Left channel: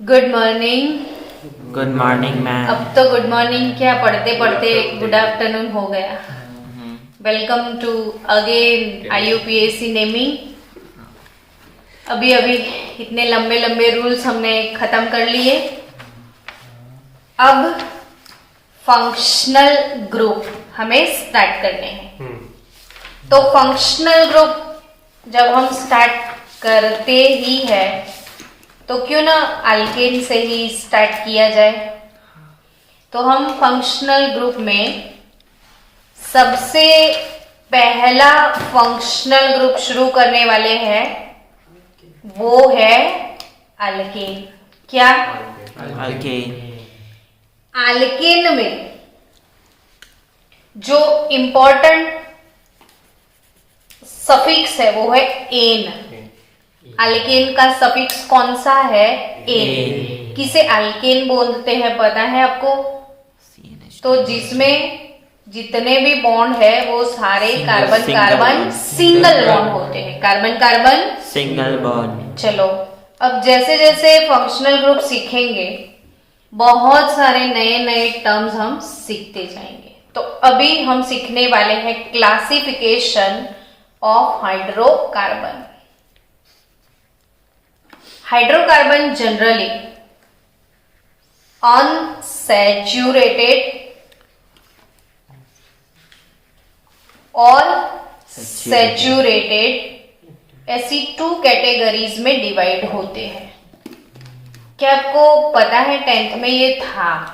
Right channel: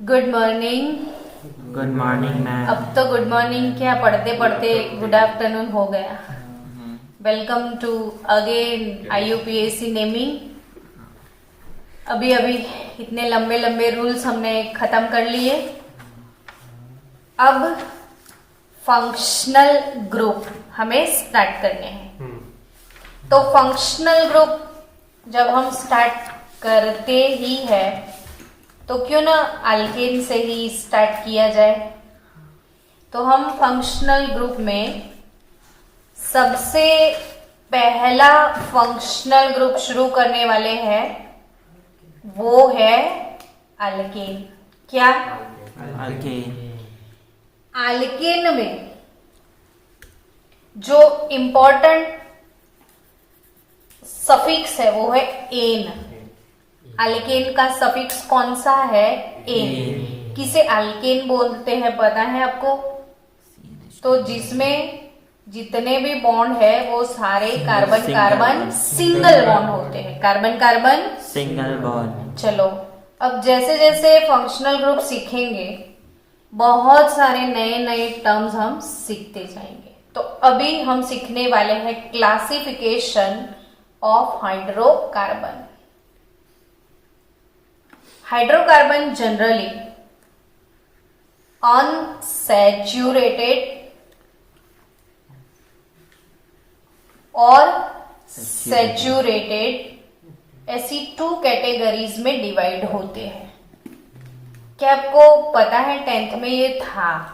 Good morning. Good morning ma'am. अब तो good morning क्या, पढ़ते पढ़ते गुड आफ्टरनून हो गया। Welcome to again IUPAC naming. अभी अभी इतने लंबे लंबे रूल्स हमने खत्म कर लिए। अब फंक्शनल ग्रुप हमें स्टार्ट करने हैं। तो फंक्शनल ग्रुप जब हम स्टार्ट करते ही है तो क्यों ना अल्केन से ही स्टार्ट किया जाए। तो हम फंक्शनल ग्रुप में सबसे पहला फंक्शनल ग्रुप शुरू करने वाले हैं, वो है अल्केन। क्या? अल्केन। अल्केन में जो इंपॉर्टेंट सफिक्स है वो है एन। अल्केन का सफिक्स कौन सा है? एन। किसे अल्केन बोलते हैं पता है आपको? तो जिसमें जितने भी बॉन्ड है वो सारे कार्बन कार्बन सिंगल बॉन्ड होते हैं। Carbon carbon single bond. चलो, अब जैसे जैसे फंक्शनल ग्रुप सीखेंगे बहुत सारे नए नए टर्म्स हम सीखते जाएंगे। तो अभी हम सीखने वाले हैं classification of hydrocarbon. Hydrocarbon generally unsaturated और सैचुरेटेड ऐसी 2 कैटेगरीज में डिवाइड होते हैं। क्या आपको पता है? 10th में ये था।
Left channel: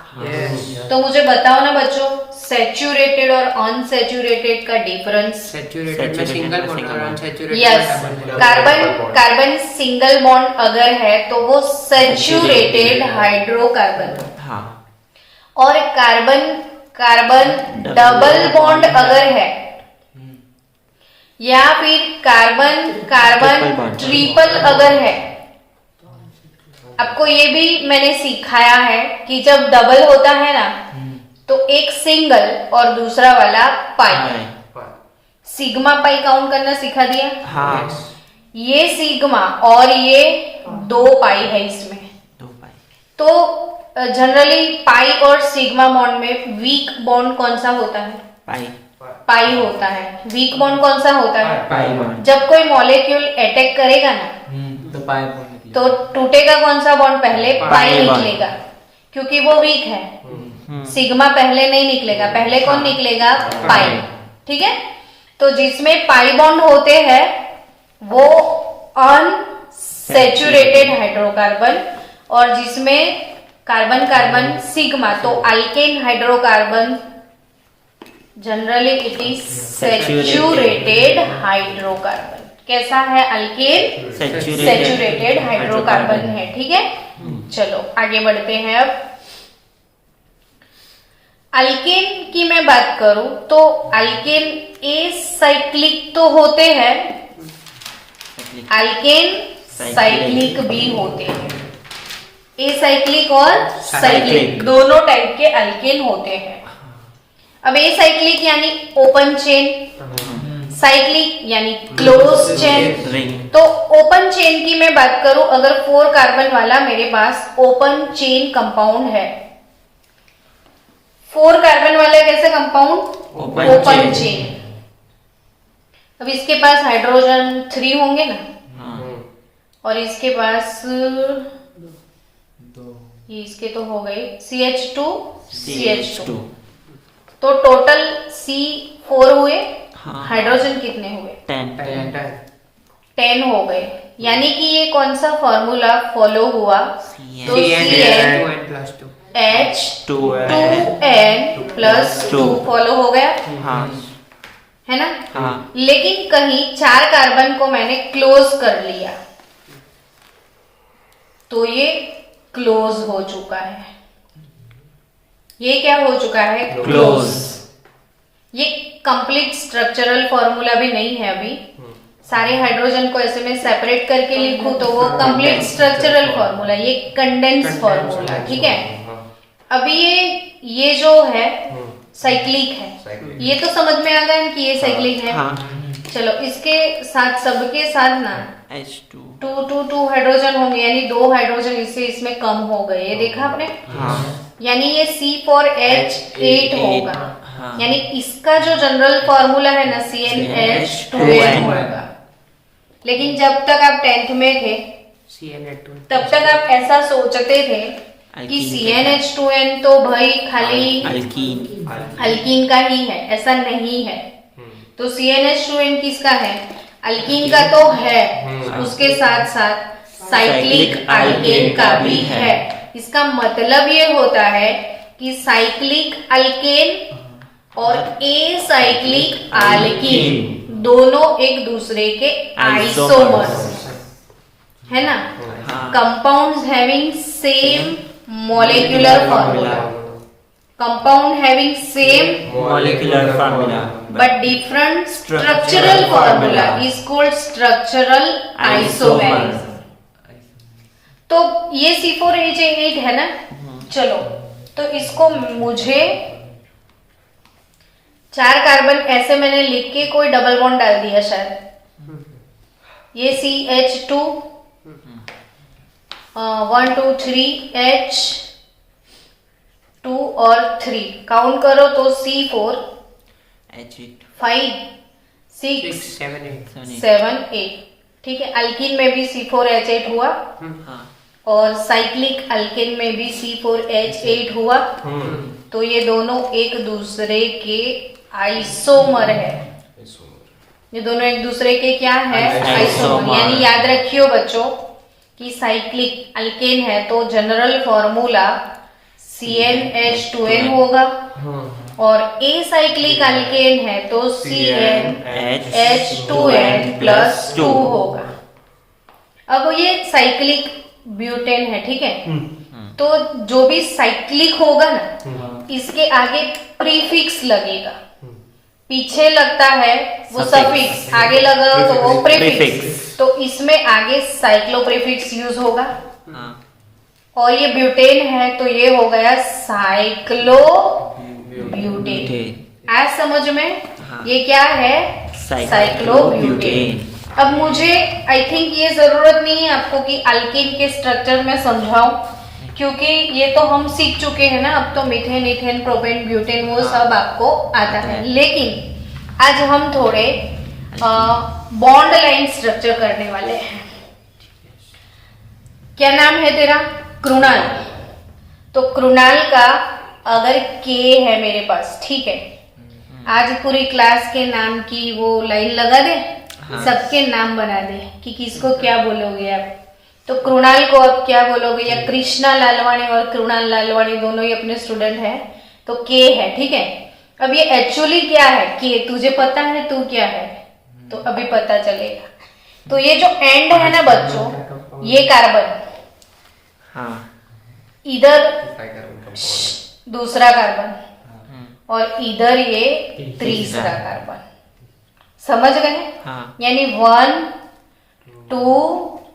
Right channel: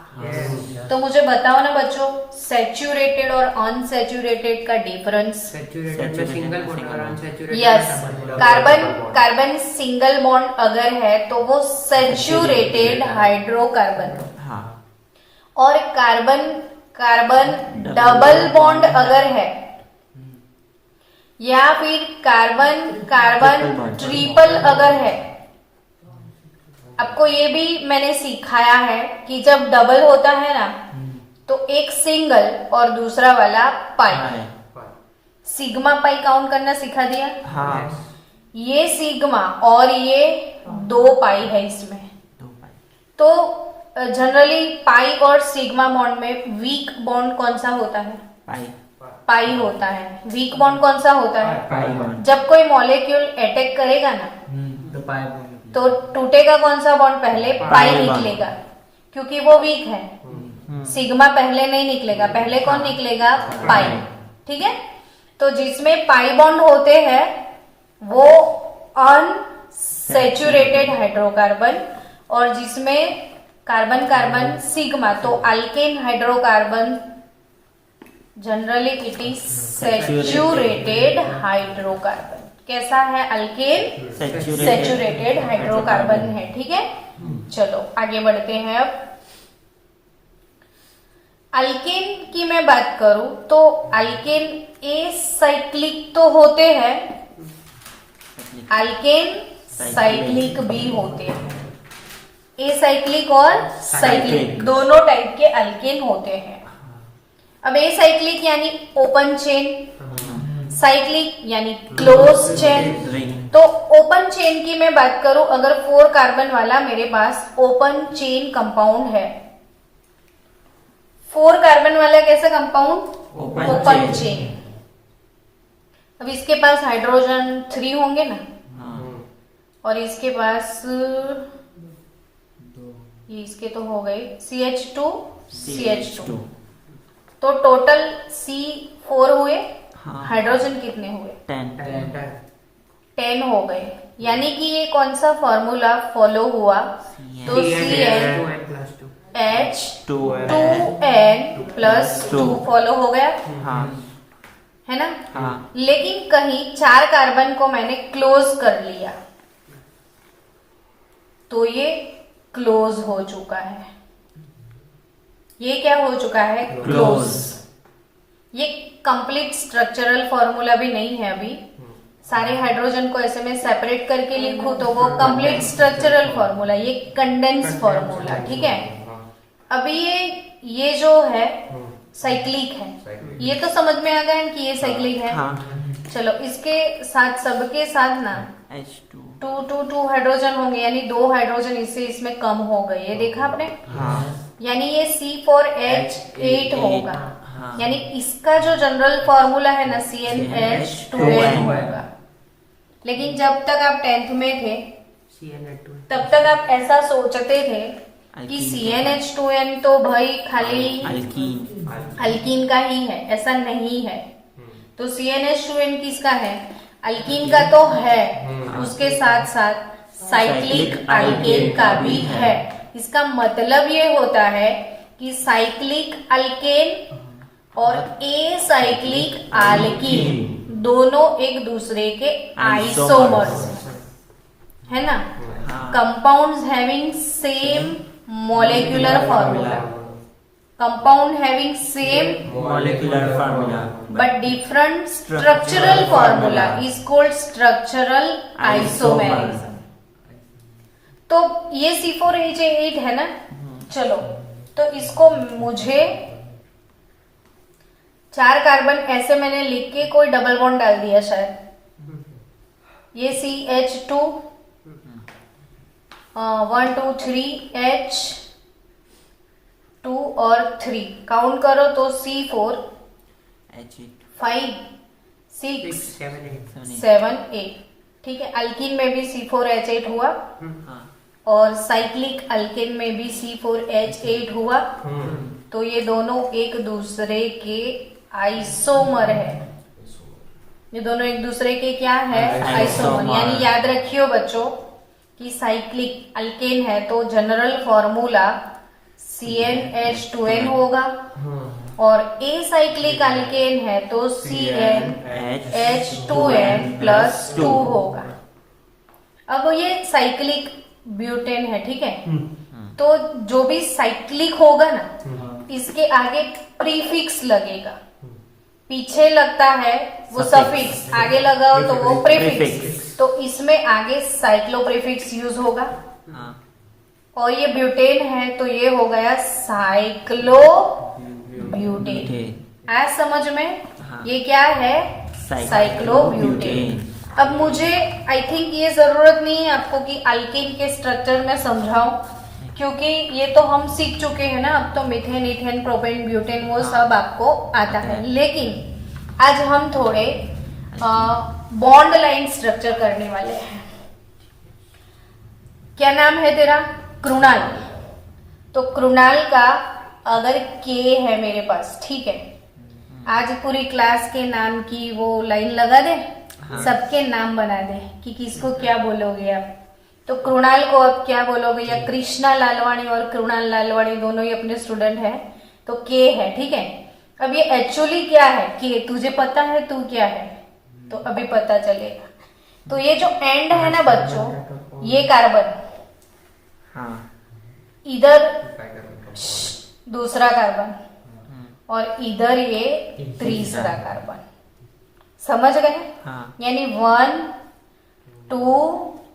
तो मुझे बताओ ना बच्चों, सैचुरेटेड और अनसैचुरेटेड का डिफरेंस। सैचुरेटेड में सिंगल बॉन्ड और unsaturated yes, carbon carbon single bond अगर है तो वो सैचुरेटेड हाइड्रोकार्बन। हाँ। और कार्बन कार्बन डबल बॉन्ड अगर है या फिर कार्बन कार्बन ट्रिपल अगर है, आपको ये भी मैंने सिखाया है कि जब डबल होता है ना तो एक सिंगल और दूसरा वाला पाई, सिग्मा पाई काउंट करना सिखा दिया। हाँ। ये सिग्मा और ये 2 पाई है इसमें। 2 पाई। तो जनरली पाई और सिग्मा बॉन्ड में वीक बॉन्ड कौन सा होता है? पाई। पाई होता है। वीक बॉन्ड कौन सा होता है? Pi bond. जब कोई मॉलिक्यूल अटैक करेगा ना तो पाई बॉन्ड तो टूटेगा कौन सा बॉन्ड? पहले पाई निकलेगा, क्योंकि वो वीक है। सिग्मा पहले नहीं निकलेगा, पहले कौन निकलेगा? पाई। ठीक है, तो जिसमें पाई बॉन्ड होते हैं वो अनसैचुरेटेड हाइड्रोकार्बन, और जिसमें कार्बन कार्बन सिग्मा तो alkane hydrocarbon generally it is saturated hydrocarbon. कैसा है? अल्केन सैचुरेटेड हाइड्रोकार्बन है। ठीक है, चलो आगे बढ़ते हैं। अब अल्केन की मैं बात करूं तो अल्केन एसाइक्लिक तो होते हैं, अल्केन साइक्लिक भी होते हैं। एसाइक्लिक और साइक्लिक दोनों टाइप के अल्केन होते हैं। अब एसाइक्लिक यानी ओपन चेन, साइक्लिक यानी क्लोज चेन। रिंग। तो ओपन चेन की मैं बात करूं, अगर 4 कार्बन वाला मेरे पास ओपन चेन कंपाउंड है, 4 कार्बन वाला कैसा कंपाउंड? Open chain. अब इसके पास हाइड्रोजन 3 होंगे ना। हाँ। और इसके पास ये इसके तो हो गए CH2 तो टोटल C4 हुए। हाँ। हाइड्रोजन कितने हुए? 10 हो गए। यानी कि ये कौन सा फॉर्मूला फॉलो हुआ? तो CnH2n+2 फॉलो हो गया। हाँ। है ना? हाँ। लेकिन कहीं 4 कार्बन को मैंने क्लोज कर लिया तो ये क्लोज हो चुका है। ये क्या हो चुका है? क्लोज। ये कंप्लीट स्ट्रक्चरल फॉर्मूला भी नहीं है। अभी सारे हाइड्रोजन को ऐसे में सेपरेट करके लिखूं तो वो कंप्लीट स्ट्रक्चरल फॉर्मूला, ये कंडेंस फॉर्मूला। ठीक है, अभी ये जो है साइक्लिक है। ये तो समझ में आ गया कि ये साइक्लिक है। हाँ। चलो इसके साथ सबके साथ ना H2 2 हाइड्रोजन होंगे, यानी 2 हाइड्रोजन इससे इसमें कम हो गए, ये देखा आपने। हाँ यानी ये C4H8 होगा। हाँ यानी इसका जो जनरल फॉर्मूला है ना CnH2n होगा। लेकिन जब तक आप 10th में थे CnH2 तब तक आप ऐसा सोचते थे कि CnH2n तो भाई खाली अल्कीन अल्कीन का ही है, ऐसा नहीं है। तो CnH2n किसका है? अल्कीन का तो है, उसके साथ साथ साइक्लिक अल्केन का भी है। इसका मतलब ये होता है कि साइक्लिक अल्केन और एसाइक्लिक अल्कीन दोनों एक दूसरे के आइसोमर्स है ना। Compounds having same molecular formula, compound having same molecular formula but different structural formula is called structural isomerism। तो ये C4H8 है ना। चलो तो इसको मुझे 4 कार्बन ऐसे मैंने लिख के कोई डबल बॉन्ड डाल दिया शायद। ये CH2 1 2 3 H2 और 3 काउंट करो तो C4 H8 5 6 7 8 7 8 ठीक है। अल्कीन में भी C4H8 हुआ हाँ और साइक्लिक अल्केन में भी C4H8 हुआ। तो ये दोनों एक दूसरे के आइसोमर है। ये दोनों एक दूसरे के क्या है? आइसोमर। यानी याद रखियो बच्चों कि साइक्लिक अल्केन है तो जनरल फॉर्मूला CnH2n होगा और एसाइक्लिक अल्केन है तो CnH2n+2 होगा। अब ये साइक्लिक ब्यूटेन है, ठीक है। तो जो भी साइक्लिक होगा ना इसके आगे प्रीफिक्स लगेगा। पीछे लगता है वो सफिक्स, आगे लगा तो वो प्रीफिक्स। तो इसमें आगे साइक्लो प्रीफिक्स यूज होगा। हाँ और ये ब्यूटेन है तो ये हो गया साइक्लो ब्यूटेन। आज समझ में? हाँ। ये क्या है? साइक्लोब्यूटेन। अब मुझे आई थिंक ये जरूरत नहीं है आपको कि अल्केन के स्ट्रक्चर में समझाऊं, क्योंकि ये तो हम सीख चुके हैं ना। अब तो मीथेन इथेन प्रोपेन ब्यूटेन वो सब आपको आता है। लेकिन आज हम थोड़े बॉन्ड लाइन स्ट्रक्चर करने वाले हैं। क्या नाम है तेरा? कृणाल। तो कृणाल का अगर के है मेरे पास, ठीक है, आज पूरी क्लास के नाम की वो लाइन लगा दे। हाँ। सबके नाम बना दे कि किसको क्या बोलोगे आप। तो कृणाल को अब क्या बोलोगे? या कृष्णा लालवाणी और कृणाल लालवाणी दोनों ही अपने स्टूडेंट हैं तो के है, ठीक है। अब ये एक्चुअली क्या है? के तुझे पता है तू क्या है? तो अभी पता चलेगा। तो ये जो एंड है ना बच्चों, ये कार्बन, हाँ इधर दूसरा कार्बन और इधर ये तीसरा कार्बन। समझ गए? हाँ यानी 1 2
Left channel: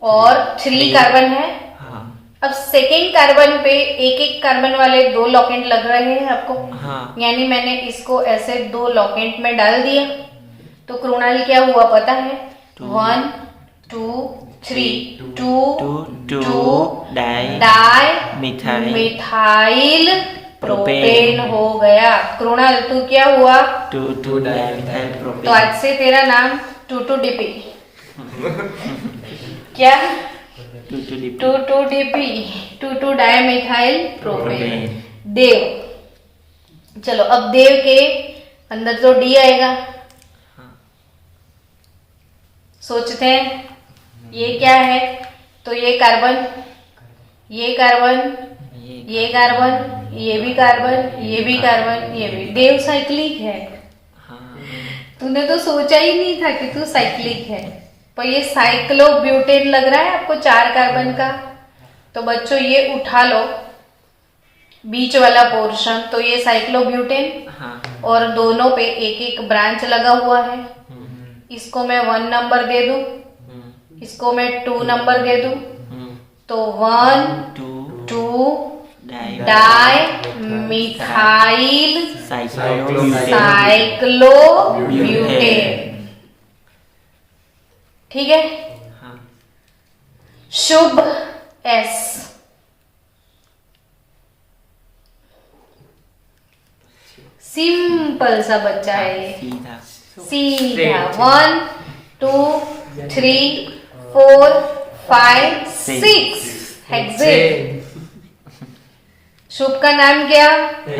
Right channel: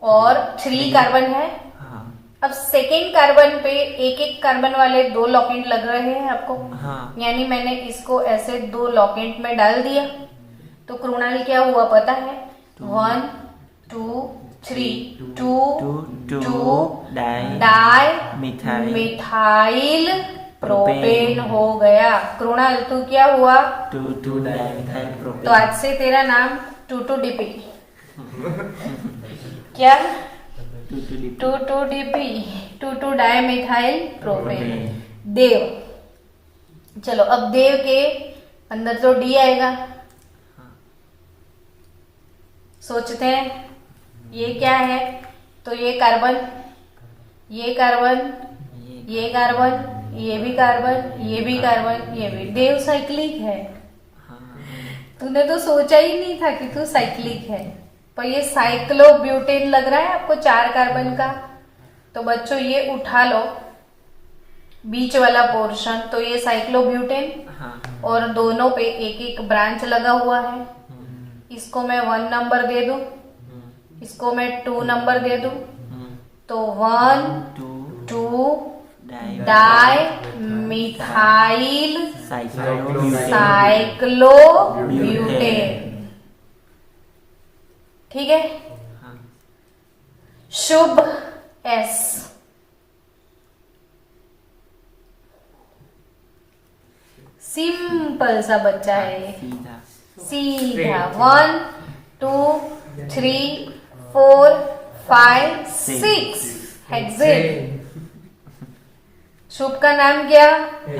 और 3 कार्बन है। हाँ अब सेकेंड कार्बन पे एक एक कार्बन वाले 2 लॉकेंट लग रहे हैं आपको। हाँ यानी मैंने इसको ऐसे 2 लॉकेंट में डाल दिया। तो कृणाल क्या हुआ पता है? 1 2 3 2 डाई मिथाइल प्रोपेन हो गया। कृणाल तू क्या हुआ? 2 डाइमिथाइल तो प्रोपेन। आज से तेरा नाम 2,2-DP। क्या? 2,2-DP 2 dimethyl propane. देव। चलो अब देव के अंदर तो डी आएगा। सोचते हैं ये क्या है? तो ये कार्बन, ये कार्बन, ये कार्बन, ये भी कार्बन, ये भी कार्बन, ये भी। देव साइक्लिक है। तूने तो सोचा ही नहीं था कि तू साइक्लिक है। पर ये साइक्लोब्यूटेन लग रहा है आपको 4 कार्बन का। तो बच्चों ये उठा लो बीच वाला पोर्शन, तो ये साइक्लोब्यूटेन। हाँ और दोनों पे एक एक ब्रांच लगा हुआ है। इसको मैं 1 नंबर दे दूं, इसको मैं 2 नंबर दे दूं। तो 1 2 डाई मिथाइल साइक्लोब्यूटेन। ठीक है। शुभ एस, सिंपल सा बच्चा है ये, सीधा सीधा 1 2 3 4 5 6 हेक्सेन। शुभ का नाम क्या,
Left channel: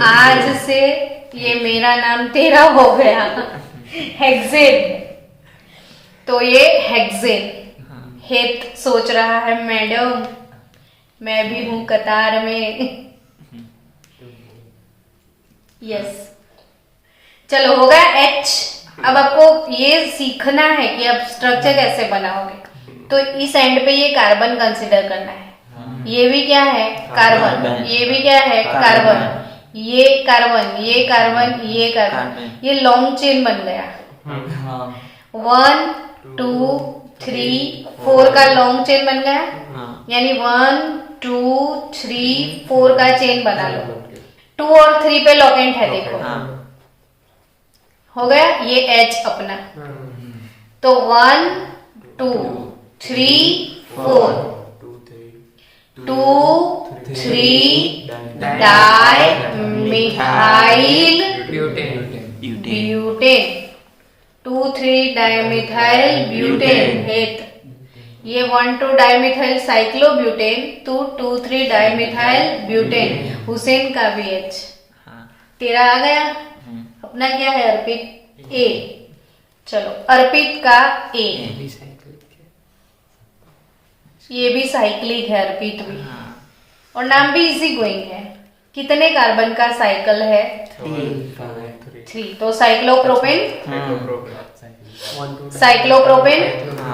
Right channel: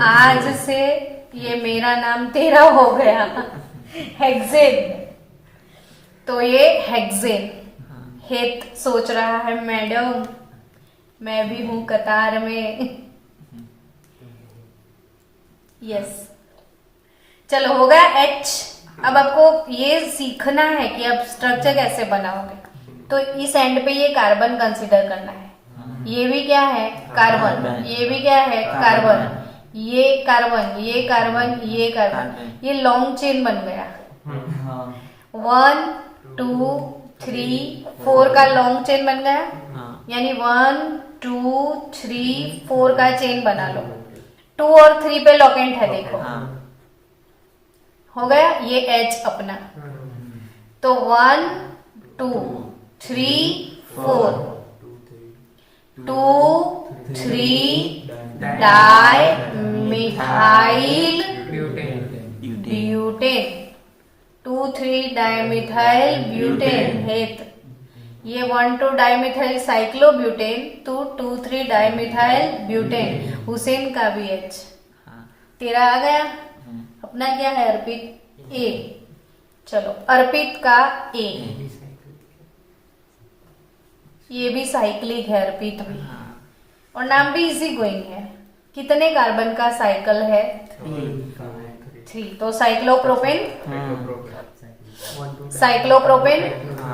आज से ये मेरा नाम तेरा हो गया, हेक्सेन। तो ये हेक्सेन। हेत सोच रहा है मैडम मैं भी हूं कतार में। यस, चलो हो गया एच। अब आपको ये सीखना है कि अब स्ट्रक्चर कैसे बनाओगे। तो इस एंड पे ये कार्बन कंसीडर करना है, ये भी क्या है कार्बन, ये भी क्या है कार्बन, ये कार्बन, ये कार्बन, ये कार्बन, ये लॉन्ग चेन बन गया। 1 2 3 4 का लॉन्ग चेन बन गया, यानी 1 2 3 4 का चेन बना लो। 2 और 3 पे लॉकेंट है, देखो हो गया ये एच अपना। तो 1 2 3 4 2 3 di methyl butane, 2 3 dimethyl butane हेत। ये 1 2 dimethyl cyclobutane, 2 2 3 dimethyl butane. Hussain का भी एच तेरा आ गया। अपना क्या है अर्पित, ए। चलो अर्पित का ए, ये भी साइक्लिक है अर्पित भी, और नाम भी इजी गोइंग है। कितने कार्बन का साइकिल है, 3। तो साइक्लोप्रोपेन, साइक्लोप्रोपेन।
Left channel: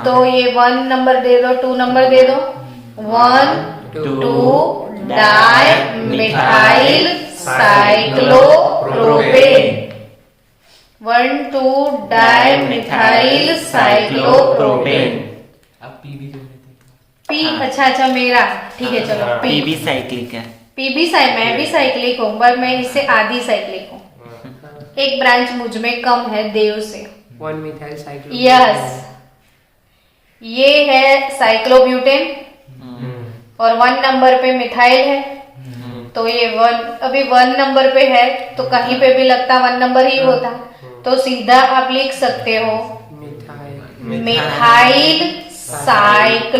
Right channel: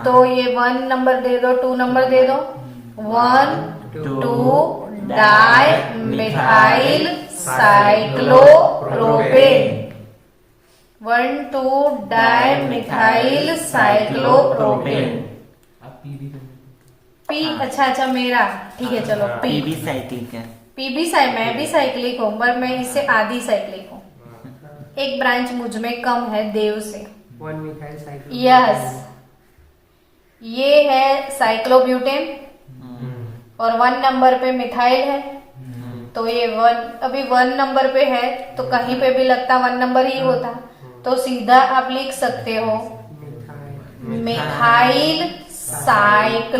तो ये 1 नंबर दे दो, 2 नंबर दे दो। 1 2 di methyl cyclopropane, 1 2 di methyl cyclopropane. P, अच्छा मेरा ठीक है, चलो पी भी साइक्लिक है। पी भी मैं भी साइक्लिक हूँ, पर मैं इससे आधी साइक्लिक हूँ। एक ब्रांच मुझ में कम है देव से। 1 मिथाइल साइक्लो, यस, ये है साइक्लोब्यूटेन और 1 नंबर पे मिथाइल है। तो ये 1 अभी 1 नंबर पे है, तो कहीं पे भी लगता 1 नंबर ही होता, तो सीधा आप लिख सकते हो मिथाइल साइक्लोब्यूटेन।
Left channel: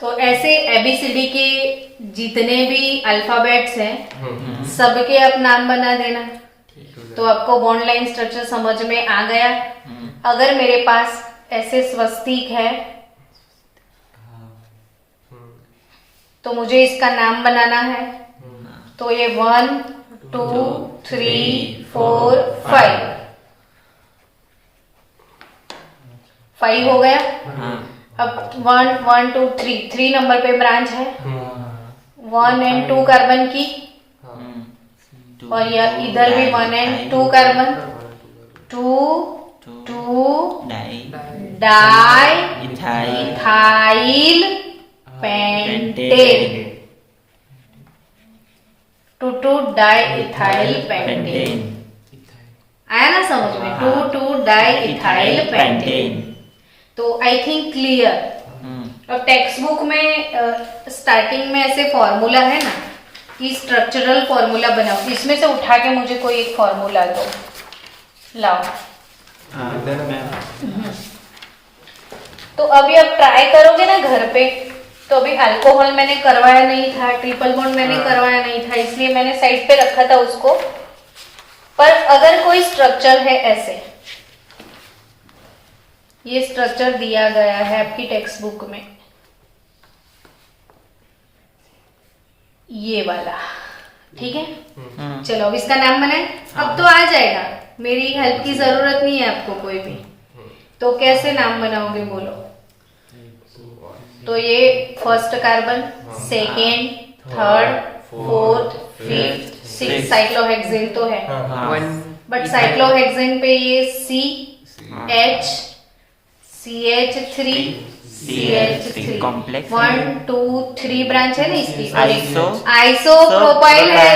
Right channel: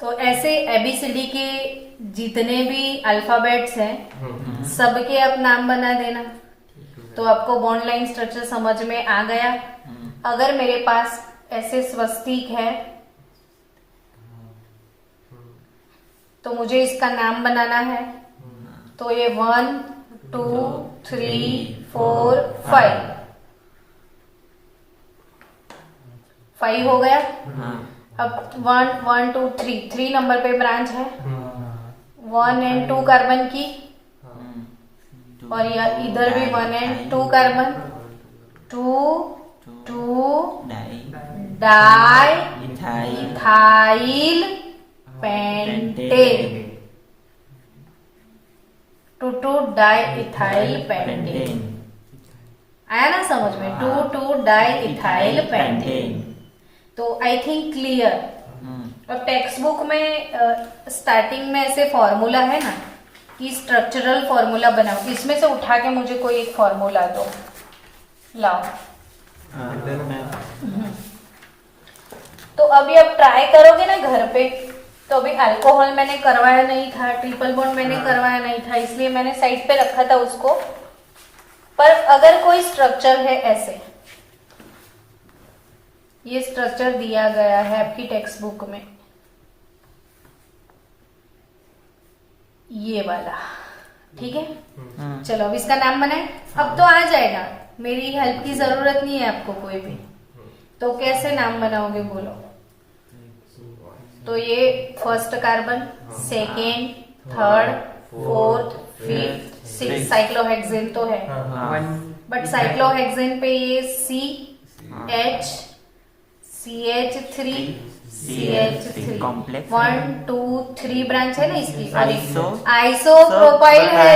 तो ऐसे एबीसीडी के जितने भी अल्फाबेट्स हैं सबके आप नाम बना देना, तो आपको बॉन्ड लाइन स्ट्रक्चर समझ में आ गया। अगर मेरे पास ऐसे स्वस्तिक है तो मुझे इसका नाम बनाना है। तो ये 1 2 3 4 5 हो गया। अब 1 2 3 नंबर पे ब्रांच है, 1 एंड 2 कार्बन की, और या इधर भी 1 and 2 carbon, 2 di ethyl pentane, 2 di ethyl pentane. आया ना समझ में, 2 डाई इथाइल पेंटेन। तो आई थिंक क्लियर। और टेक्स्ट बुक में स्टार्टिंग में ऐसे फॉर्मूला है ना कि स्ट्रक्चरल फॉर्मूला बनाओ, इसमें से उठा के मुझे कोई एक फॉर्मूला दो, लाओ। तो अभी अब ट्राई करोगे ना घर पे, तो अभी अल्कोहल मैंने करवाया नहीं था, ट्रिपल बॉन्ड मैंने करवाया नहीं था, इसलिए मैंने साइड पे रखा था उसको। पर अगर कोई स्ट्रक्चर है ऐसे, ये स्ट्रक्चर दिया गया है आपकी टेक्स्ट बुक में, ये वाला, ठीक है। चलो अब इसका नाम बनाए। अब तो आ जाएगा, मेरी हेल्प की जरूरत नहीं है आपको कोई भी। तो कैसे नाम बनाओगे बोलो। तो ये first carbon, second, third, fourth, fifth, six, cyclohexane तो है, बट साइक्लोहेक्सेन पे ये C H CH3 CH3 complex 1 2 3 branch है ना इसकी, आइसोप्रोपाइल है,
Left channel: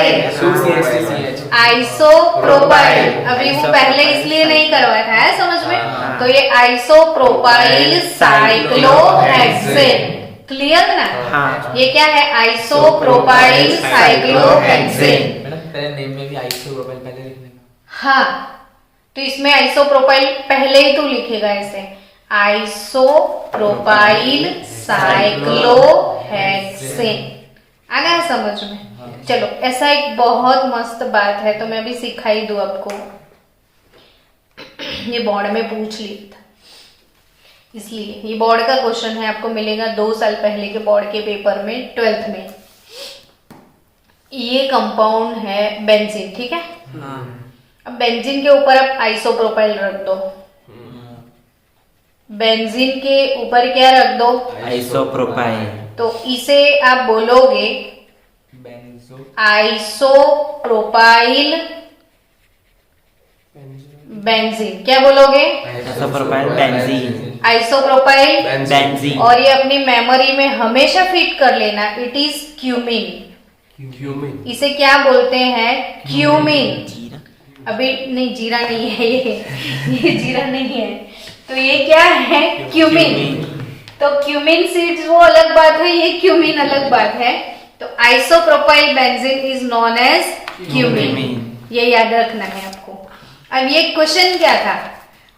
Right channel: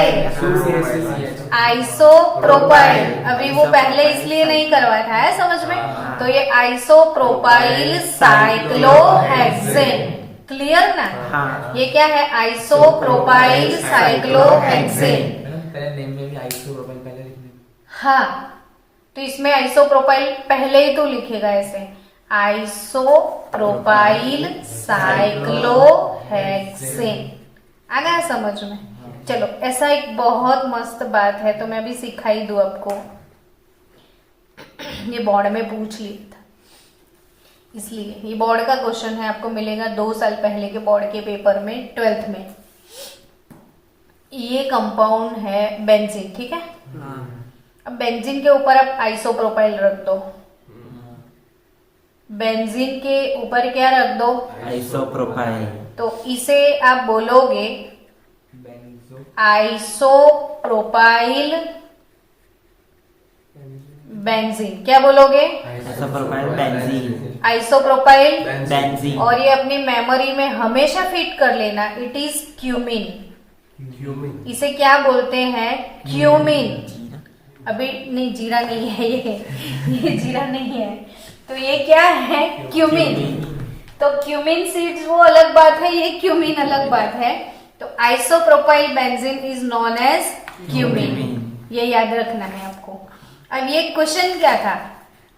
आइसोप्रोपाइल। अभी वो पहले इसलिए नहीं करवाया था, समझ में। हाँ। तो ये आइसोप्रोपाइल साइक्लोहेक्सेन, क्लियर ना? हाँ। ये क्या है? Isopropyl cyclohexane. मैडम पहले नेम में भी आइसोप्रोपाइल पहले लिखने का। हाँ, तो इसमें आइसोप्रोपाइल पहले ही तो लिखेगा ऐसे, आइसोप्रोपाइल साइक्लोहेक्सेन। आ गया समझ में? चलो, ऐसा एक बहुत मस्त बात है तो मैं भी सिखाई दूं आपको। ये बोर्ड में पूछ ली था, इसलिए ये बोर्ड का क्वेश्चन है, आपको मिलेगा 2 साल पहले के बोर्ड के पेपर में, 12th में। ये कंपाउंड है बेंजीन, ठीक है? हाँ। अब बेंजीन के ऊपर आप आइसोप्रोपाइल रख दो, बेंजीन के ऊपर क्या रख दो? आइसोप्रोपाइल। तो इसे आप बोलोगे बेंजो आइसोप्रोपाइल बेंजीन। क्या बोलोगे? Isopropyl benzene. Isopropyl benzene. और ये अपनी मेमोरी में हमेशा फिट कर लेना, इट इज क्यूमिन। इसे क्या बोलते हैं? क्यूमिन। जीरा। अभी नहीं, जीरा नहीं है ये जीरा नहीं है। तो ये क्या है? क्यूमिन। तो क्यूमिन सीड्स वो अलग बात है, ये क्यूमिन अलग बात है। तो isopropyl benzene is known as cumene, ये याद रखना है आपको। अब ये क्वेश्चन क्या था?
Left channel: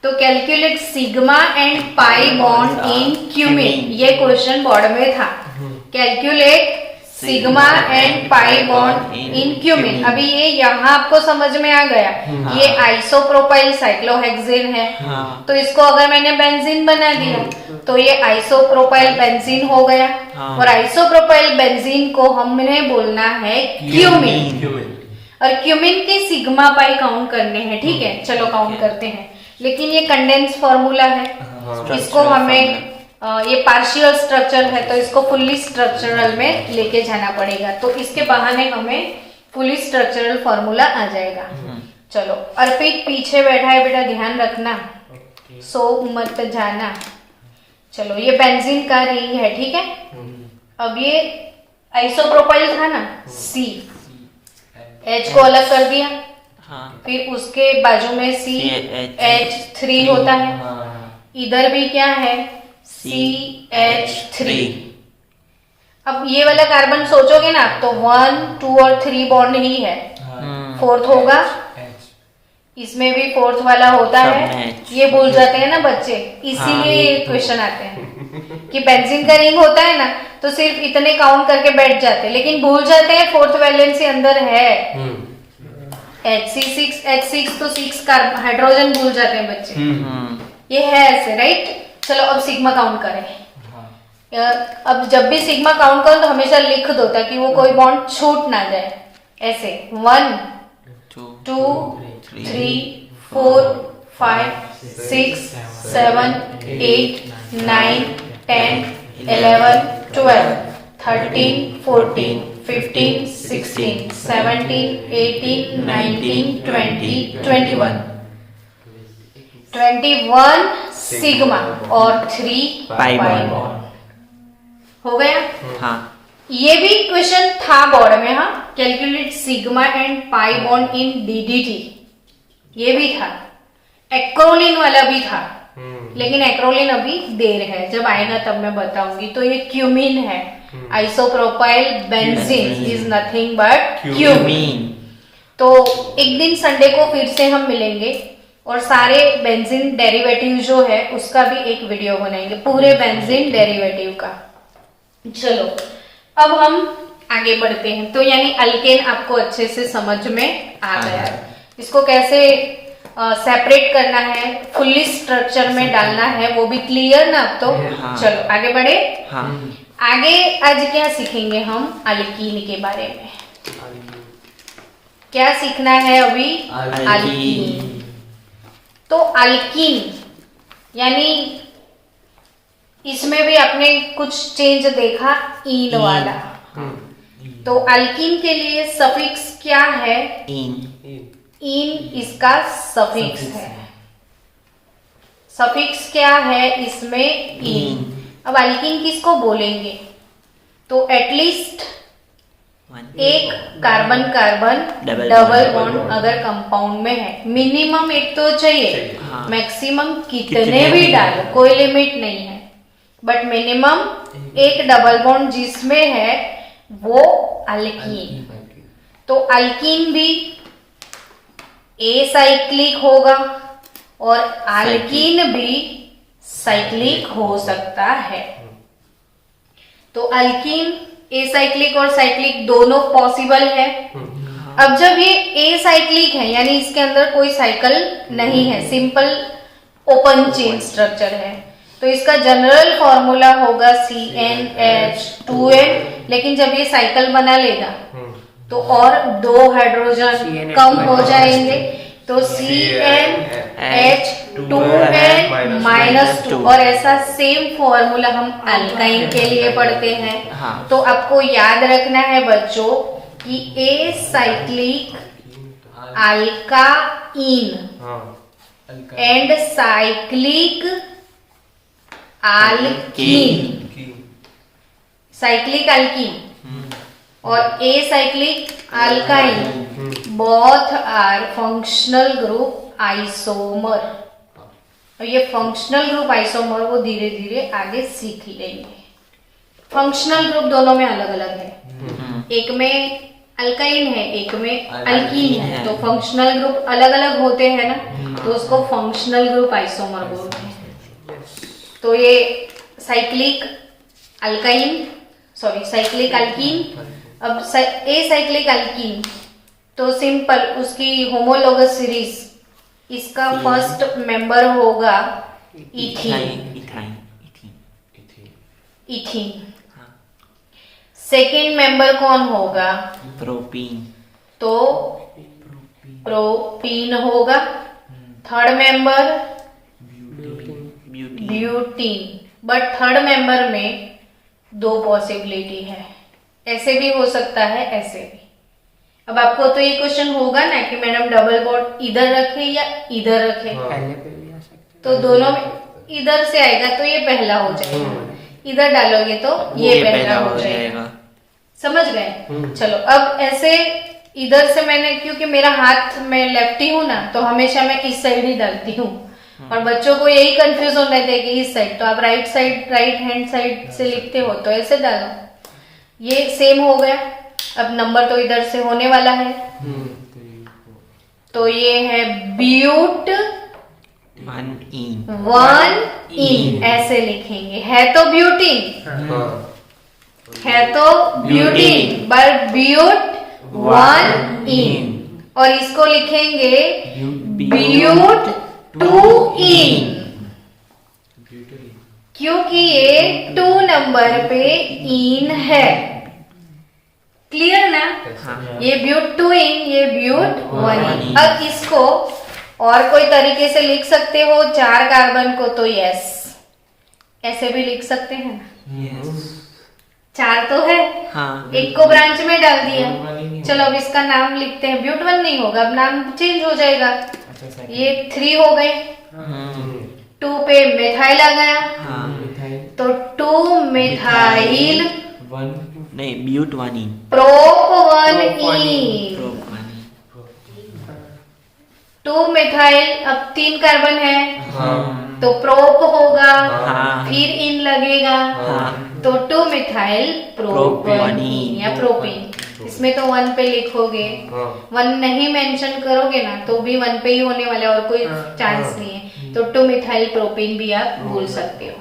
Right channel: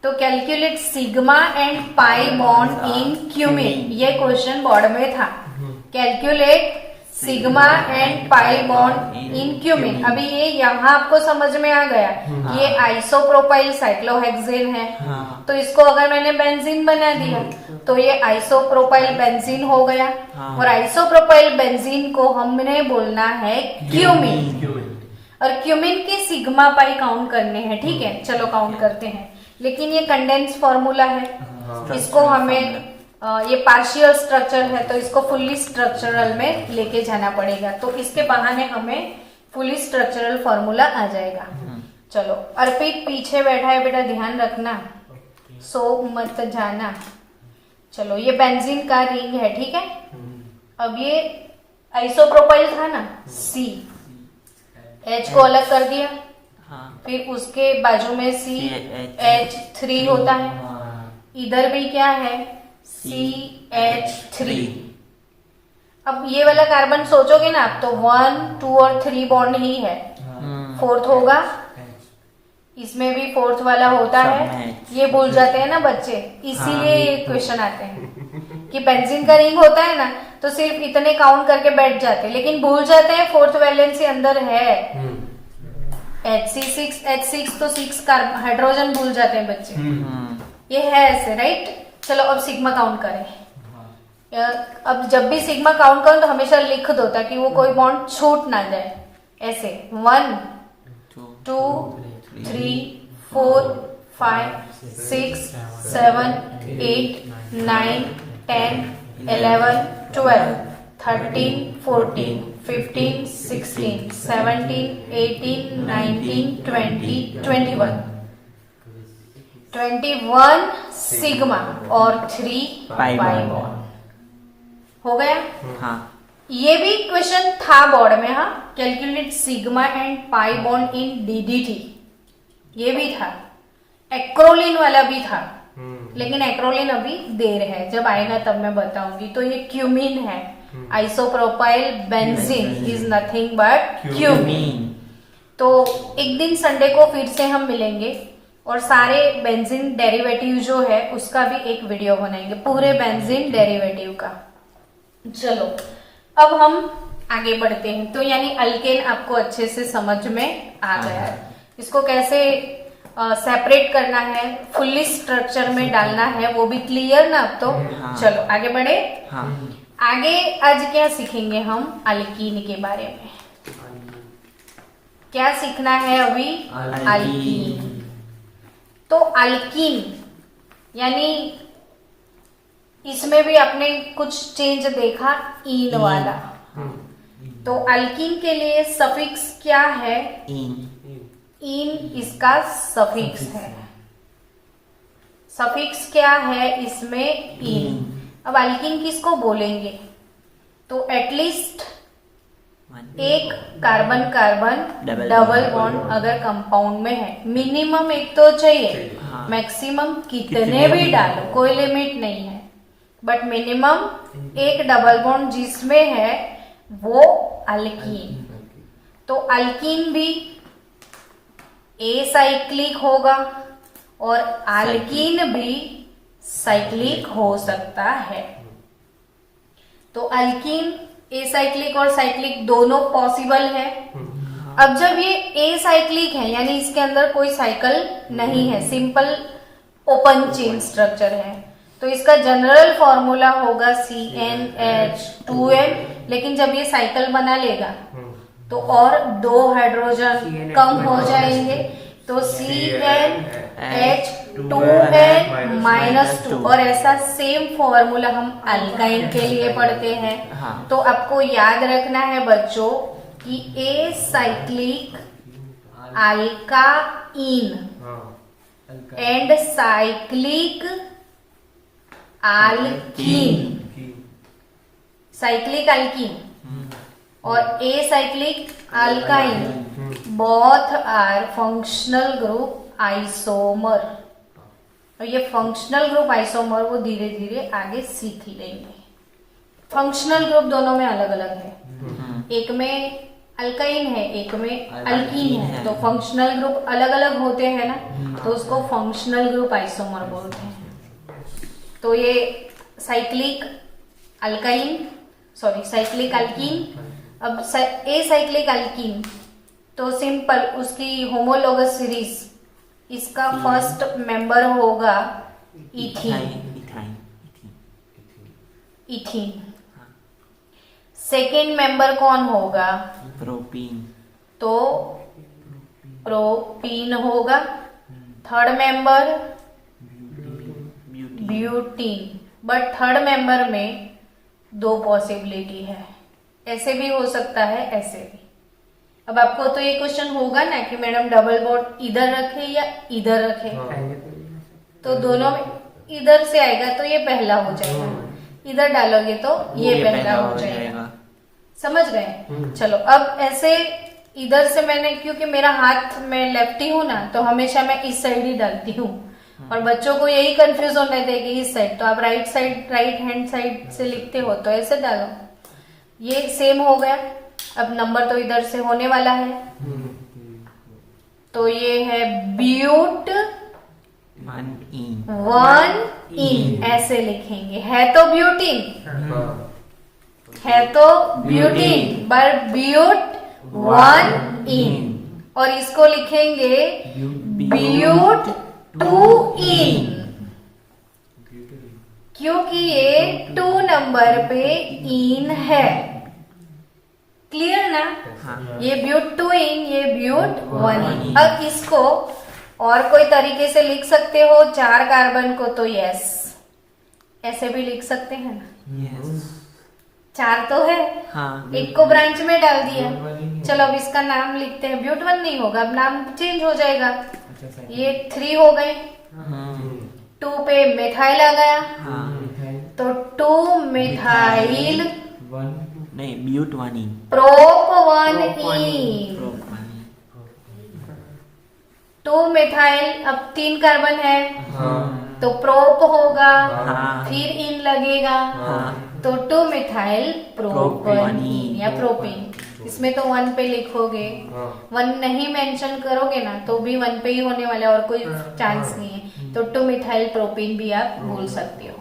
तो calculate sigma and pi bond in cumin, ये क्वेश्चन बोर्ड में था। Calculate sigma and pi bond in cumin. अभी ये यहाँ आपको समझ में आ गया, ये आइसोप्रोपाइल साइक्लोहेक्सेन है। हाँ। तो इसको अगर मैंने बेंजीन बना दिया तो ये आइसोप्रोपाइल बेंजीन हो गया। हाँ। और आइसोप्रोपाइल बेंजीन को हमने बोलना है क्यूमिन। और क्यूमिन के सिग्मा पाई काउंट करने हैं, ठीक है? चलो काउंट करते हैं, लेकिन ये कंडेंस फॉर्मूला है, इसको हमें ये पार्शियल स्ट्रक्चर है तो इसको फुल्ली स्ट्रक्चरल में लेके जाना पड़ेगा। तो इसके बहाने हमें फुल्ली स्ट्रक्चरल फॉर्मूला आ जाएगा। चलो, अर्पित पीछे बैठा है बेटा, ध्यान रखना, सो मत जाना। चलो, ये बेंजीन का रिंग है, ठीक है? अब ये आइसोप्रोपाइल था ना, C, H को अलग कर दिया। हाँ। फिर उसके बाजू में CH3 होता है। इधर भी क्या है? CH3। अब ये वाला कार्बन सोचोगे ना तो 1, 2 और 3 बॉन्ड ही है, 4th होगा, इसमें भी 4th वाला होता है। ये भूल जाते हैं ना बच्चे, इसीलिए ये क्वेश्चन आते हैं कि बेंजीन का रिंग होता है ना तो सिर्फ इतने काउंट करके बैठ जाते हैं, लेकिन भूल जाते हैं 4th वैलेंसी अंदर है H6 तो 6 हाइड्रोजन भूल जाते हैं बच्चे। ये है ऐसे, राइट? चलो, अब सिग्मा काउंट करें। अब जब भी सिग्मा काउंट करो तो हमेशा लिख दो ताकि वो कोई बॉन्ड छूट ना जाए। ऐसे 1, 2, 3, 4, 5, 6, 7, 8, 9, 10, 11, 12, 13, 14, 15, 16, 17, 18, 19, 20, 21 सिग्मा और 3 पाई बॉन्ड हो गया। हाँ। ये भी क्वेश्चन था बोर्ड में। हाँ, calculate sigma and pi bond in DDT, ये भी था। एक्रोलिन वाला भी था, लेकिन एक्रोलिन अभी देर है, जब आएगा तब मैं बताऊंगी। तो ये क्यूमिन है, isopropyl benzene is nothing but cumin. तो एक दिन संडे को फिर से हम मिलेंगे और सारे बेंजीन डेरिवेटिव जो है उसका भी एक वीडियो बनाएंगे, पूरे बेंजीन डेरिवेटिव का। चलो, अब हम आगे बढ़ते हैं। तो यानी अल्केन आपको अच्छे से समझ में आ गया, इसको कैसे सेपरेट करना है, फुल्ली स्ट्रक्चर में डालना है, वो भी क्लियर ना अब तो। हाँ। चलो आगे बढ़े। हाँ। आगे आज क्या सीखेंगे हम? अल्कीन के बारे में। क्या सीखना है अभी? अल्कीन। तो अल्कीन यानी इसमें भी आपने कुछ चेंज देखा, ईन वाला। तो अल्कीन के लिए सफिक्स क्या है? इन इसका सफिक्स है। सफिक्स क्या है इसमें? इन। अब अल्कीन किसको बोलेंगे? तो एटलीस्ट 1 एक carbon carbon Double double bond. Bond अगर कंपाउंड में है, मिनिमम एक तो चाहिए, हाँ। मैक्सिमम कितने कितने भी भी डालो, कोई लिमिट नहीं है, बट मिनिमम एक डबल बॉन्ड जिसमें है वो अल्कीन। तो अल्कीन भी एसाइक्लिक होगा और अल्कीन भी साइक्लिक हो सकता है। तो अल्कीन एसाइक्लिक और साइक्लिक दोनों पॉसिबल है। अब जब ये एसाइक्लिक है यानी इसके अंदर कोई साइकिल नहीं है, सिंपल ओपन चेन स्ट्रक्चर है, तो इसका जनरल फॉर्मूला होगा CnH2n। लेकिन जब ये साइकिल बना लेगा तो और 2 हाइड्रोजन कम हो जाएंगे, तो CnH2n-2 और ऐसा सेम फॉर्मूला हम अल्काइन के लिए पढ़ते हैं। हाँ। तो आपको याद रखना है बच्चों कि acyclic alkyne and cyclic alkene, cyclic alkene और acyclic alkyne both are functional group isomer. और ये फंक्शनल ग्रुप आइसोमर वो धीरे धीरे आगे सीख लेंगे। फंक्शनल ग्रुप दोनों में अलग अलग है, एक में अल्काइन है एक में अल्कीन है, तो फंक्शनल ग्रुप अलग अलग होते हैं ना, तो उसको फंक्शनल ग्रुप आइसोमर बोलते हैं। तो ये साइक्लिक अल्काइन साइक्लिक अल्कीन। अब एसाइक्लिक अल्कीन तो सिंपल उसकी होमोलोगस सीरीज, इसका फर्स्ट मेंबर होगा इथीन। इथीन। सेकेंड मेंबर कौन होगा? प्रोपीन। तो प्रोपीन होगा। Third member butene. But third member में 2 पॉसिबिलिटी है, ऐसे भी हो सकता है ऐसे भी। अब आपको तो ये क्वेश्चन होगा ना कि मैडम डबल बॉन्ड इधर रखे या इधर रखे, तो दोनों में इधर से आएगा तो ये पहला हो जाएगा, इधर डालोगे तो ये पहला हो जाएगा। समझ गए? चलो अब ऐसे इधर से मैंने, क्योंकि मेरा हाथ में लेफ्टी हूं ना, तो हमेशा मैं इस साइड ही डालती हूँ और बच्चों को यही कंफ्यूज होने थे कि इस साइड, तो आप राइट हैंड साइड से लिखते हो तो ऐसे डालो। ये सेम हो गया। अब नंबर तो इधर से होने वाला है, तो ये है ब्यूट 1 ऐसे लिखेंगे। है तो ब्यूटीन, बट ब्यूट 1 और इसको लिखेंगे ब्यूट 2 क्योंकि ये 2 नंबर पे इन है। क्लियर ना? हाँ। ये ब्यूट 2 ये ब्यूट 1। अब इसको और कोई तरीके से लिख सकते हो 4 कार्बन को, तो यस ऐसे भी लिख सकते हैं। 4 तो है, हाँ। एक को ब्रांच में डाल दिया। चलो अब इसका नाम लिखते हैं। ब्यूट 1 नहीं होगा, अब नाम चेंज हो जाएगा। ये 3 हो गए, 2 पे मेथाइल आ गया, तो 2 मेथाइल नहीं, ब्यूट 1 प्रोप 1 2 मेथाइल। अब 3 कार्बन है, तो प्रोप होगा, फिर इन लगेगा, तो 2 मिथाइल प्रोपेन या प्रोपीन। इसमें तो 1 पे लिखोगे, 1 नहीं मेंशन करोगे ना तो भी 1 पे ही होने वाला है और कोई चांस नहीं है, तो 2 मिथाइल प्रोपीन भी आप बोल सकते हो।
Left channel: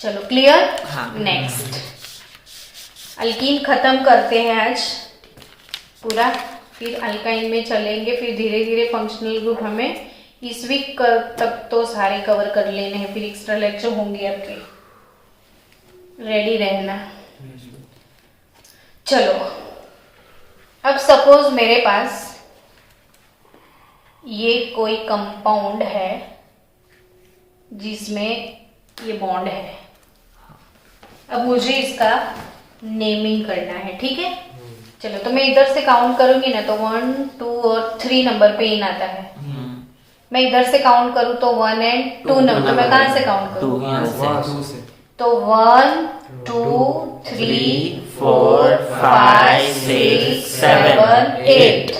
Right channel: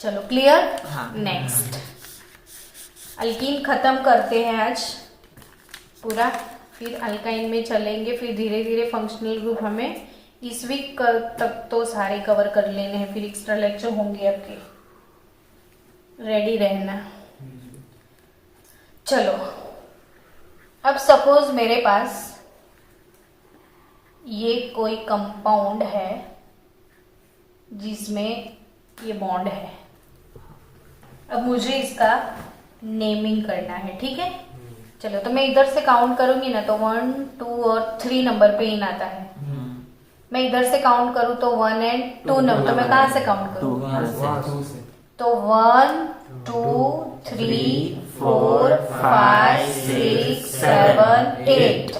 चलो क्लियर? नेक्स्ट अल्कीन खत्म करते हैं आज पूरा, फिर अल्काइन में चलेंगे, फिर धीरे धीरे फंक्शनल ग्रुप हमें इस वीक तक तो सारे कवर कर लेने हैं, फिर एक्स्ट्रा लेक्चर होंगे आपके, रेडी रहना। चलो अब सपोज मेरे पास ये कोई कंपाउंड है जिसमें ये बॉन्ड है। अब मुझे इसका नेमिंग करना है, ठीक है? चलो तो मैं इधर से काउंट करूंगी ना, तो 1 2 और 3 नंबर पे इन आता है। मैं इधर से काउंट करूं तो 1 और 2 नंबर, मैं कहां से काउंट करूं? 2 यहाँ से। तो 1 2 3 4 5 6 7 8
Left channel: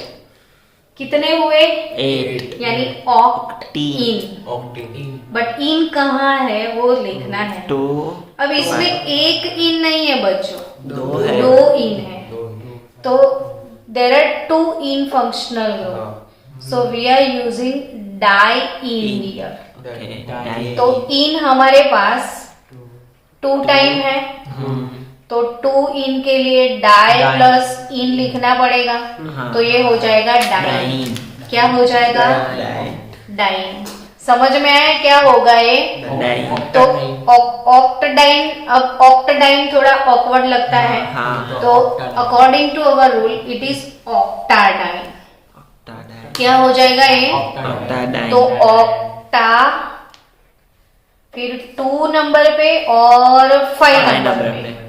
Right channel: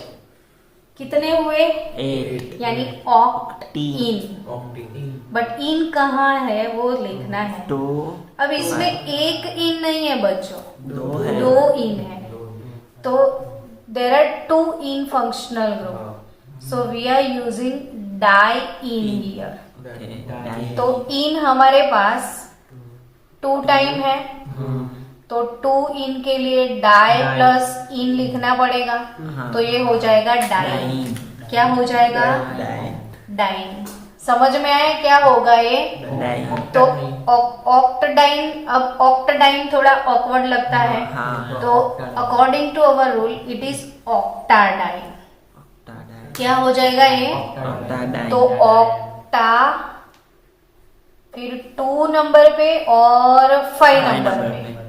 कितने हुए 8 यानी ऑक्टीन ऑक्टेन बट इन कहाँ है वो लिखना है 2 अब इसमें एक इन नहीं है बच्चों 2 है दो इन है तो there are two yne functional group so we are using di yne here Okay, di तो इन हमारे पास 2 टाइम है तो 2 इन के लिए डाई डाई। प्लस इन लिखना पड़ेगा हाँ। तो ये हो जाएगा डाइन डाइन क्या हो जाएगा डाइन डाइन समझ में आया क्या होगा ये डाइन तो ऑक्टाडाइन अब ऑक्टाडाइन थोड़ा ऑकवर्ड लगता है हाँ तो according to our rule it is octadiene octadiene क्या हो जाएगा ये ऑक्टाडाइन तो ऑक्टा फिर 2 नंबर पे और 5 5 नंबर नंबर पे पे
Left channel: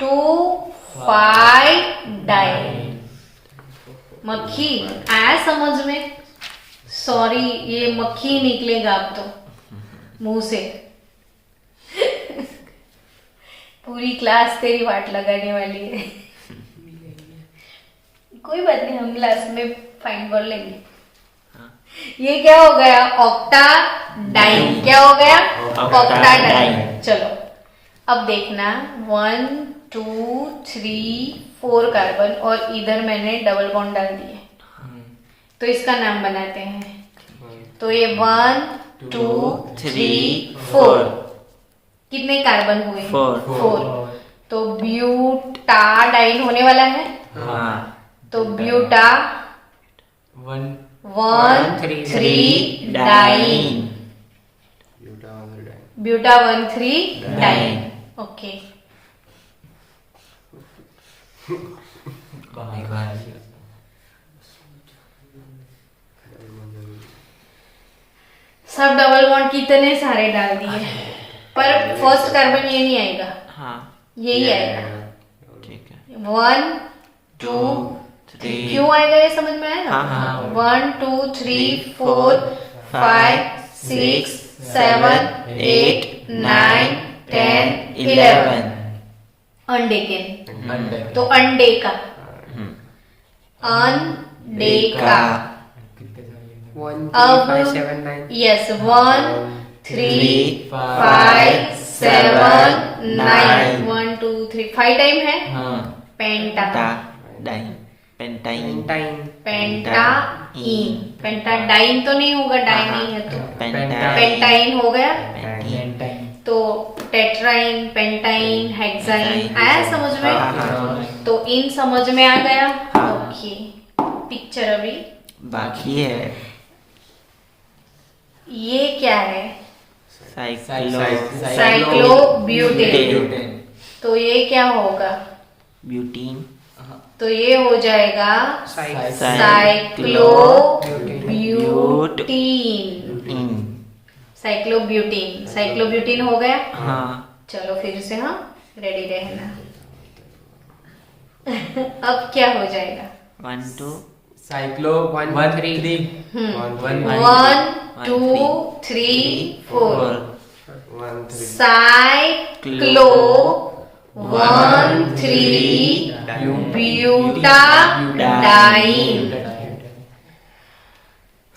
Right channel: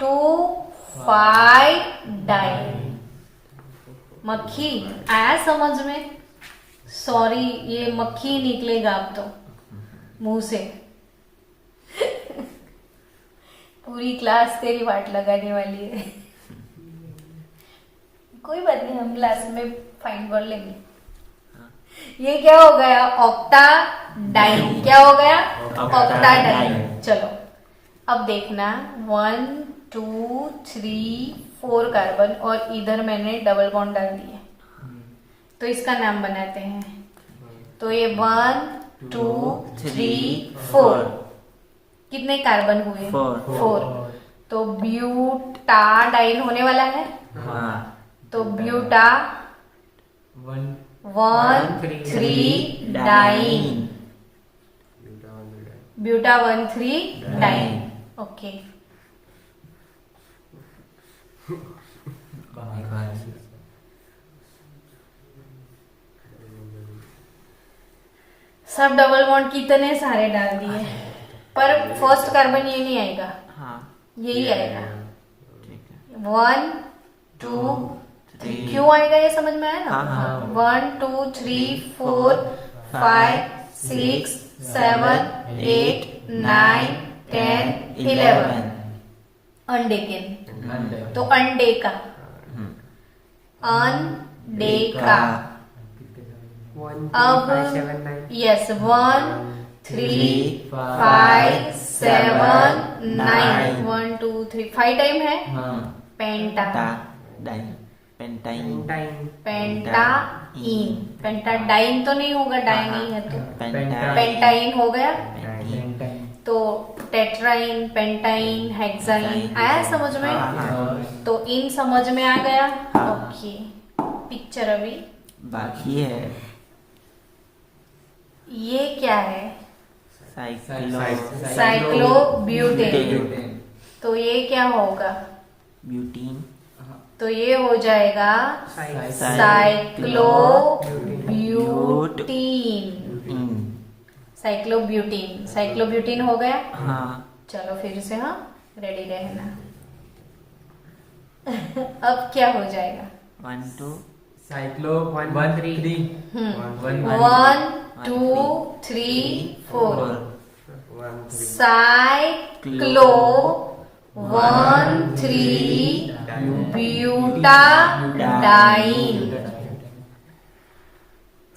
2 5 डाइन मक्खी आया समझ में सॉरी ये मक्खी निकलेगा अब तो मुंह से पूरी क्लास तेरी वाट लगाने वाली है कोई बात नहीं हम क्लास में फाइन कर लेंगे ये क्या हो गया ऑक्टा डाइन क्या हो गया ऑक्टा डाइन चलो अब देखना 1 2 3 4 कार्बन और इधर मैंने डबल बॉन्ड डाल दिए तो इसका नाम बनाते हैं तो ये 1 2 3 4 कितने कार्बन हुए 4 तो ब्यूटाडाइन होने वाला है हाँ तो buta 1 3 diene buta 1 3 diene okay सब डबल बॉन्ड कितने सारे डाल दिए पर फर्स्ट कार्बन ये नहीं आएगा हाँ यही आएगा ठीक है 1 2 3 क्यों आएगा ये समझ में आया ना हाँ, हाँ। 1 2 3 4 5 6 7 8 9 10 11 अंडे के तो अंडे का अंडे का 1 अब 3 5 7 9 यस 1 3 5 7 9 1 2 3 5 टाइम है पेंटा टा डाइन पेंटाइन टाइम पेंटाइन पेंटाडाइन तो नहीं होगा डाइन नहीं है तो पेंटाइन पेंटाइन हो गया पेंटाइन तो टेट्राइन पेंटाइन हेक्साइन आया समझ में हाँ, हाँ। तो इन समझ में आ गया हाँ। ओके पिक्चर अभी बाकी है ये क्या है साइक्लो साइक्लोब्यूटेन तो ये क्या होगा ब्यूटीन तो ये हो जाएगा साइक्लोब्यूटीन साइक्लोब्यूटीन हो गया हाँ चलो फिर से हाँ रेडी रहना अब क्या हो जाएगा 1 2 cyclo 1 3 1 2 3 4 cyclo 1 3 butadiene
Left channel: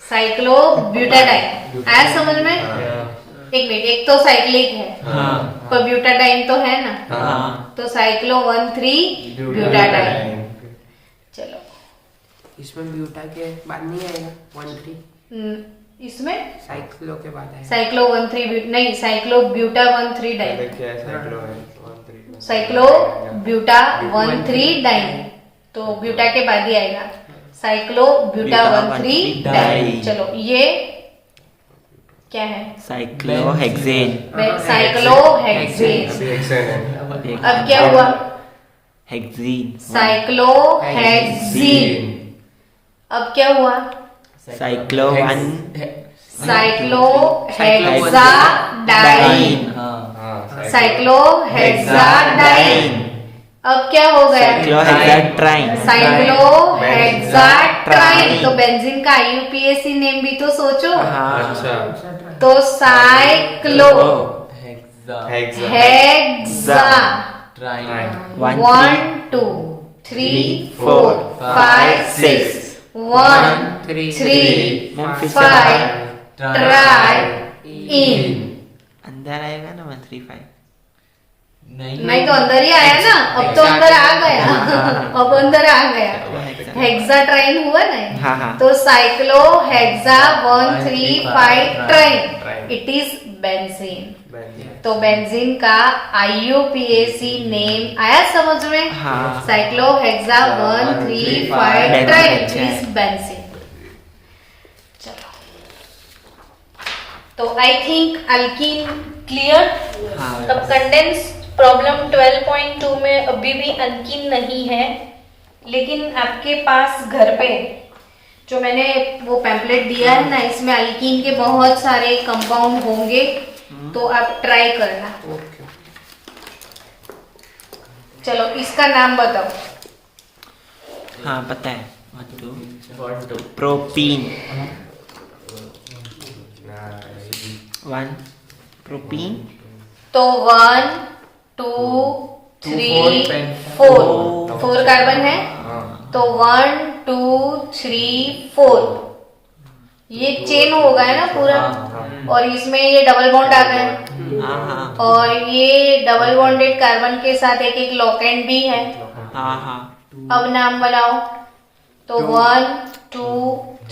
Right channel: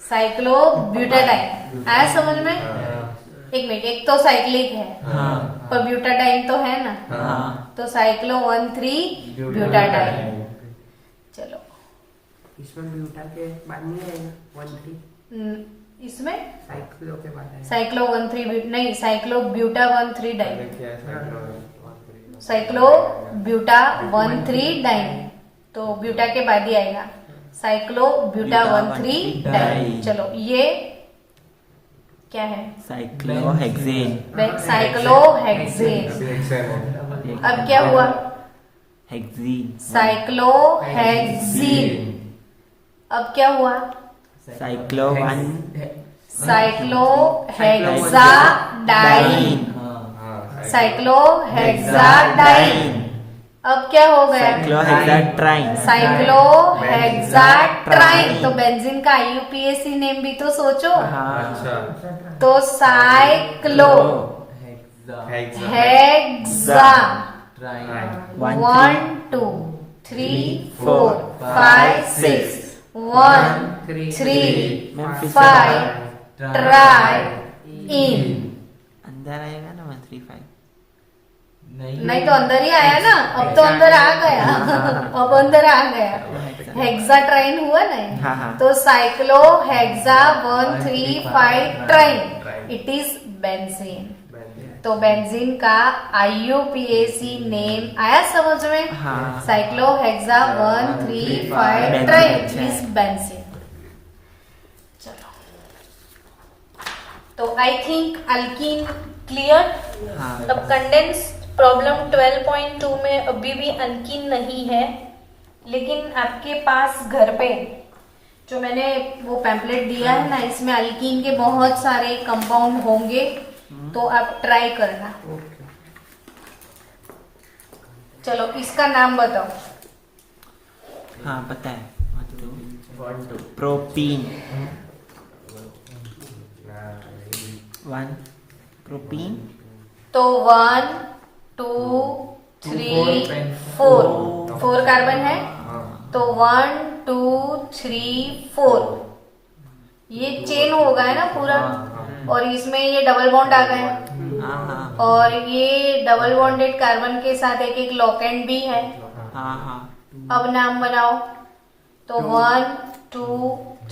cyclo butadiene आया समझ में एक मिनट एक तो साइक्लिक है हाँ पर ब्यूटाडाइन तो है ना हाँ तो साइक्लो 1 3 ब्यूटाडाइन चलो इसमें ब्यूटा के बाद नहीं आएगा 1 3 इसमें साइक्लो के बाद आएगा साइक्लो 1 3 नहीं cyclo buta 1 3 diene cyclo buta 1 3 diene तो ब्यूटा के बाद ही आएगा साइक्लो ब्यूटा 1 3 डाइन चलो ये क्या है साइक्लो हेक्सेन साइक्लो हेक्सेन अब क्या हुआ हेक्सीन साइक्लो हेक्सीन अब क्या हुआ साइक्लो 1 साइक्लो हेक्साडाइन साइक्लो हेक्साडाइन अब क्या हो गया साइक्लो हेक्साट्राइन साइक्लो हेक्साट्राइन तो बेंजीन का आईयूपीएसी नेम भी तो सोचो हाँ तो साइक्लो हेक्सा ट्राइन 1 1 2 3 4 5 6 1 3 3 मैम फिर से 5 बाहर। Try in. अंदर आएगा ना 1 3 5। नहीं तो अंदर ही आया ना, अब तो अंदर आ गया। अब अंदर आ गया, हेक्सा ट्राइन हुआ ना। हाँ हाँ तो cyclo hexa 1 3 5 triene, it is benzene. तो बेंजीन का IUPAC नेम आया समझ में? हाँ। Cyclo hexa 1 3 5 triene is benzene. चलो, तो आई थिंक अल्कीन क्लियर। हाँ। अब कंडेंस प्रॉब्लम 12.2 में अभी भी अल्कीन नहीं है, लेकिन आपके पास घर पे जो मैंने वो पैम्पलेट दिया है ना, इसमें अल्कीन के बहुत सारे कंपाउंड होंगे, तो आप ट्राई करना। चलो, इसका नाम बताओ। हाँ पता है। 1 2 प्रोपीन 1 प्रोपीन। तो 1 2 3 4 कार्बन है, तो 1 2 3 4 ये चेन हो गया ना पूरा, और इसमें ये डबल बॉन्ड आ गया, हाँ हाँ और ये डबल बॉन्डेड कार्बन के साथ एक एक लॉकेंड भी है। हाँ हाँ। अब नाम बनाओ। तो 1 2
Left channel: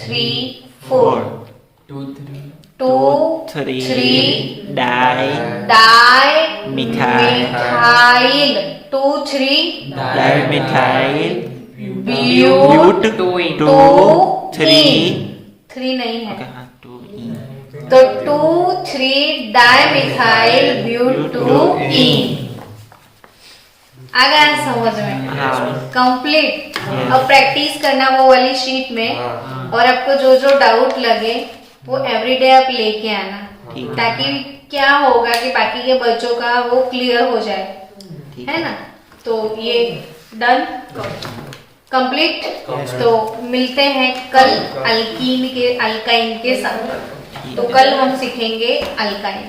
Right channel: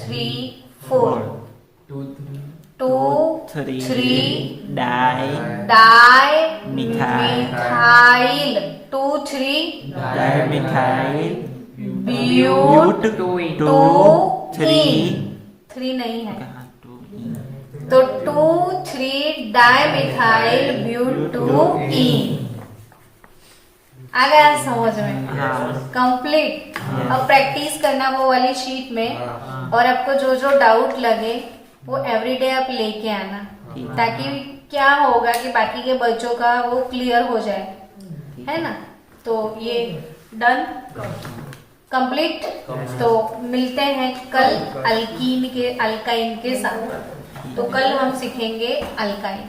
3 4 2 3 2 3 3 di di methyl 2 3 di methyl but 2 3 3 नहीं है, ओके हाँ 2 ई। तो 2 3 डाइमिथाइल ब्यूटूइन आ गया समझ में? हाँ। कंप्लीट। Yes. अब प्रैक्टिस करना वो वाली शीट में, और आपको जो जो डाउट लगे वो एवरीडे आप लेके आना, ठीक है। ताकि क्या होगा कि बाकी के बच्चों का वो क्लियर हो जाए, ठीक है ना? तो ये डन कंप्लीट। तो मिलते हैं कल अल्काइन के साथ। तो कल हम सीखेंगे अल्काइन।